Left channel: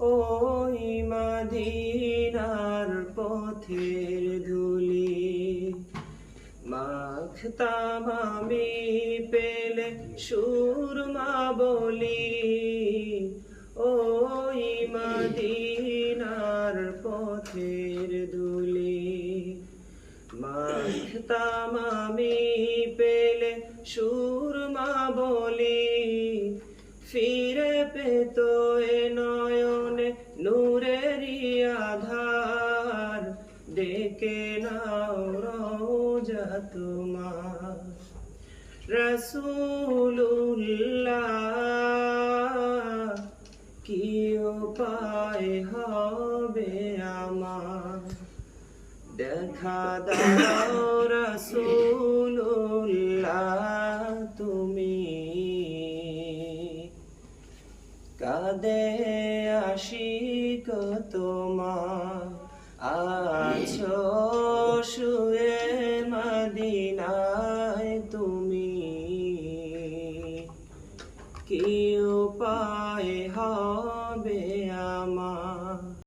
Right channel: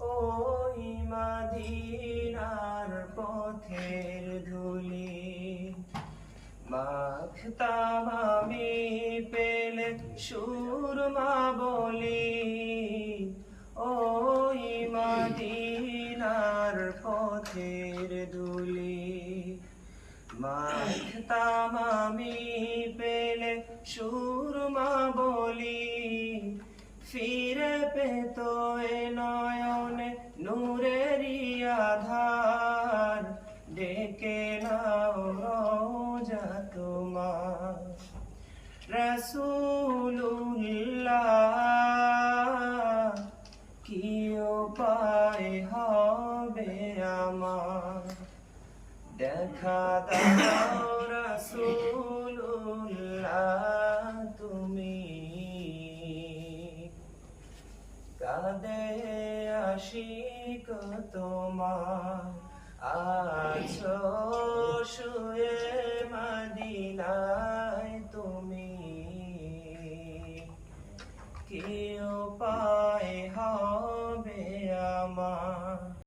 ওই মদিনার পথের ধুলি মাখতাম আমি পেলে সুরমা বলি। ওই মদিনার পথের ধুলি মাখতাম আমি পেলে সুরমা বলি। ফিরে পেত এ নয়নে নূরেরই আধার, ডেকে নাও রওজা তোমার। রাসূলুল্লাহ কি উপায় হবে আমার, দেখা দাও রাসূলুল্লাহ তুমি। কাঁদে আশিক তোমার, আছো শুয়ে মদিনায় তুমি। কি উপায় হবে আমার।